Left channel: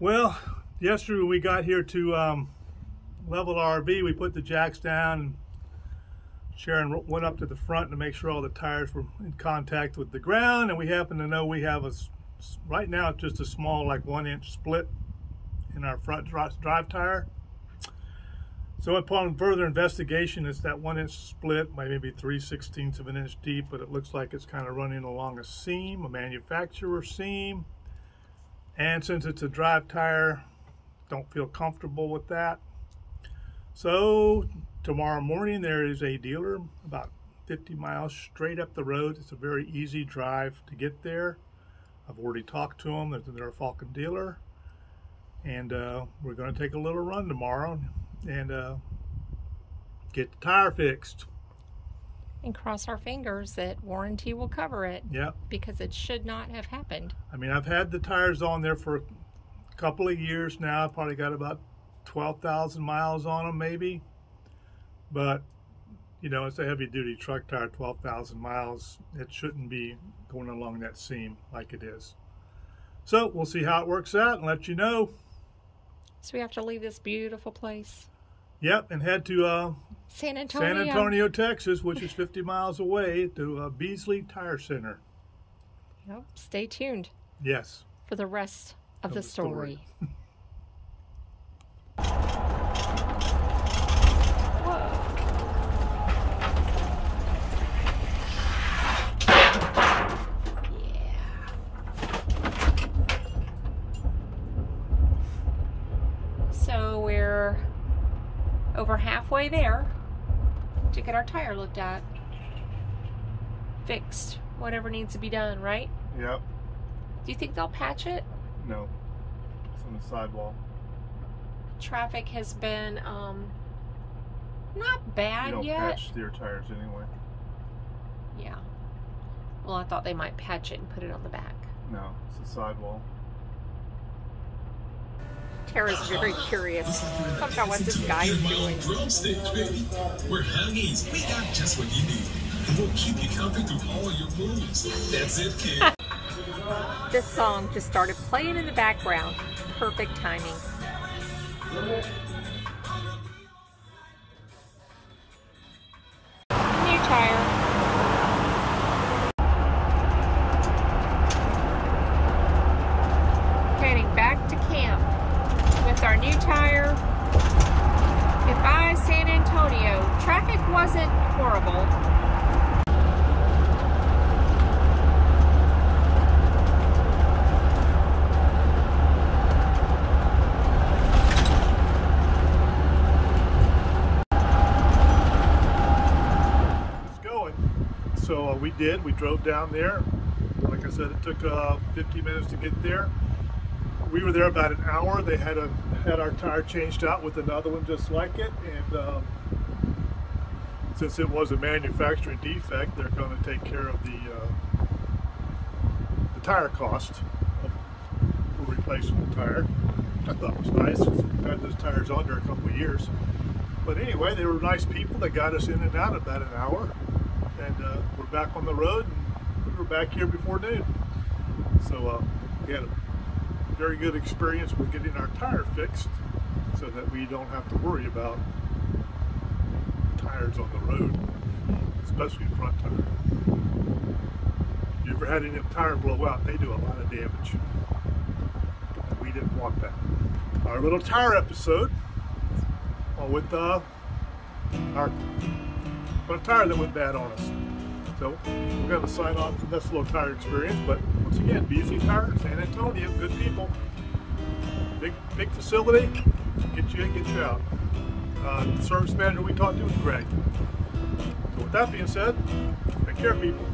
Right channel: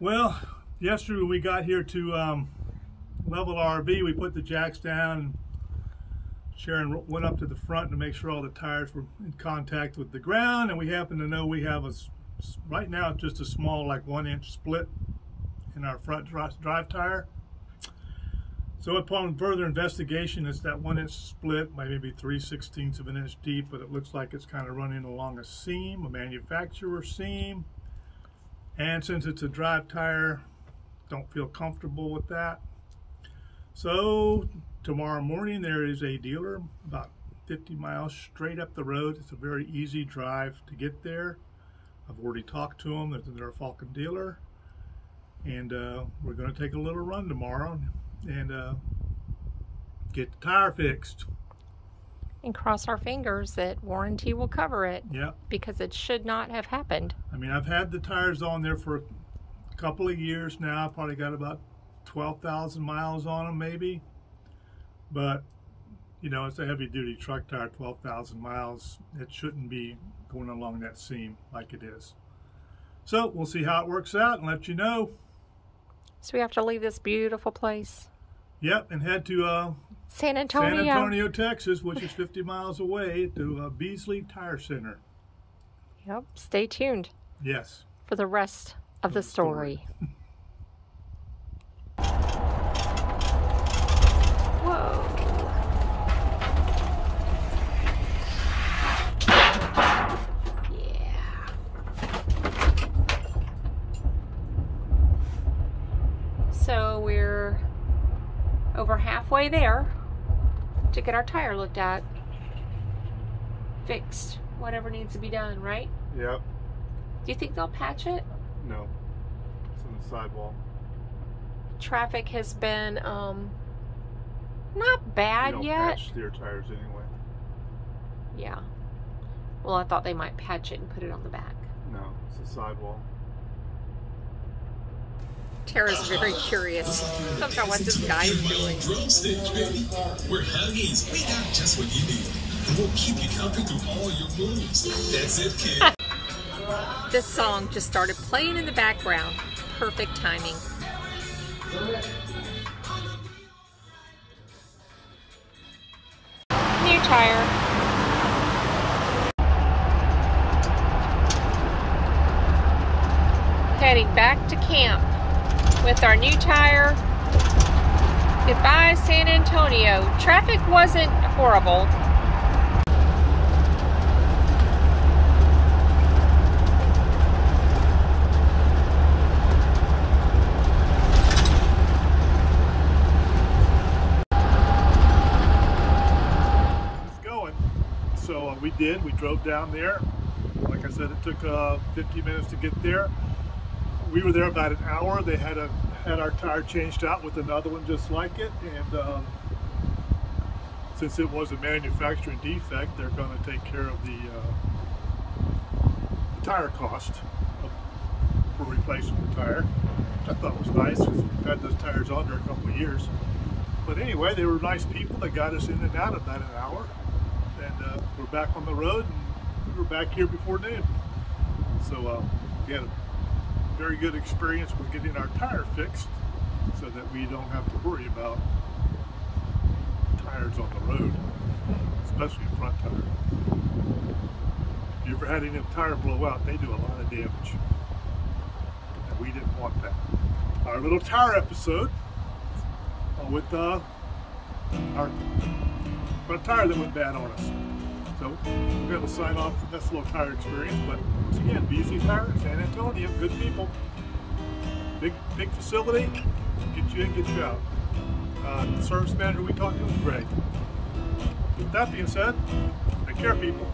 Well, yesterday when we got here to level our RV, we put the jacks down and Sharon went up to the front to make sure all the tires were in contact with the ground, and we happen to know we have right now just a small, like 1-inch split in our front drive tire. So upon further investigation, it's that 1-inch split, maybe 3/16 of an inch deep, but it looks like it's kind of running along a seam, a manufacturer seam. And since it's a drive tire, don't feel comfortable with that. So tomorrow morning there is a dealer about 50 miles straight up the road. It's a very easy drive to get there. I've already talked to them. They're a Falken dealer. And we're going to take a little run tomorrow and get the tire fixed. And cross our fingers that warranty will cover it. Yep. Because it should not have happened. I mean, I've had the tires on there for a couple of years now. I've probably got about 12,000 miles on them maybe. But, you know, it's a heavy duty truck tire, 12,000 miles. It shouldn't be going along that seam like it is. So we'll see how it works out and let you know. So we have to leave this beautiful place. Yep, and head to San Antonio, Texas, which is 50 miles away, to Beasley Tire Center. Yep, stay tuned. Yes. For the rest of the story. Whoa. Yeah. So we're over halfway there to get our tire looked at, fixed, whatever needs to be done, right? Yep. Do you think they'll patch it? No, it's in the sidewall. Traffic has been not bad you don't yet. Patch steer tires anyway. Yeah. Well, I thought they might patch it and put it on the back. No, it's a sidewall. Tara's very curious about what this guy is doing. We're Huggies. We got just what you need. We'll keep you covered through all your moves. That's it, kid. This song just started playing in the background. Perfect timing. New tire. Heading back to camp with our new tire. Goodbye, San Antonio. Traffic wasn't horrible. It's going. So we drove down there. Like I said, it took 15 minutes to get there. We were there about an hour. They had our tire changed out with another one just like it, and since it was a manufacturing defect, they're going to take care of the tire cost for replacing the tire, which I thought was nice because we've had those tires on there a couple of years. But anyway, they were nice people. They got us in and out about an hour, and we're back on the road, and we were back here before noon. So we had a very good experience with getting our tire fixed so that we don't have to worry about tires on the road, especially a front tire. If you ever had any tire blow out, they do a lot of damage, and we didn't want that. Our little tire episode with our front tire that went bad on us. So we're going to sign off from this little tire experience, but once again, Beasley Tire, San Antonio, good people. Big facility, get you in, get you out. The service manager we talked to was Greg. So with that being said, take care, people.